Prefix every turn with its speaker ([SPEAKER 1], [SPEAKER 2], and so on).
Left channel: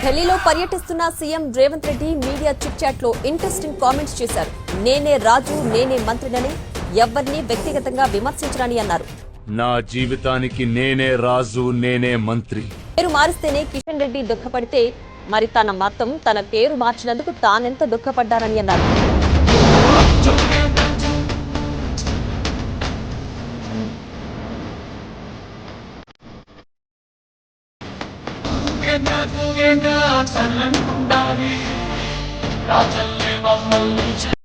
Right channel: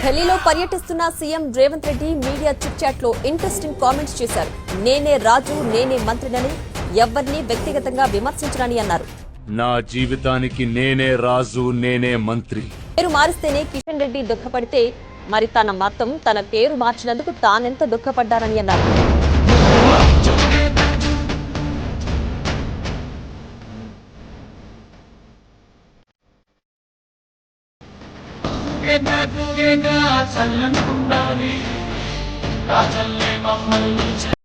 [SPEAKER 1] ఢిల్లీలో పర్యటిస్తున్న CM Revanth Reddy media chit చాట్లో ఇంట్రెస్టింగ్ కామెంట్స్ చేశారు. నేనే రాజు నేనే మంత్రినని ఎవరిని వ్యక్తిగతంగా విమర్శించరని అన్నారు.
[SPEAKER 2] నా జీవితానికి నేనే రాజు నేనే మంత్రి.
[SPEAKER 1] పేరు మారిస్తేనే కిషన్ రెడ్డి దుఃఖపడితే మరి తన మతం తన పేరు మార్చినందుకు తానెంత దుఃఖపడ్డారని అన్నారు. చల్లనుండాలి రాజల్లే మమ్మల్ని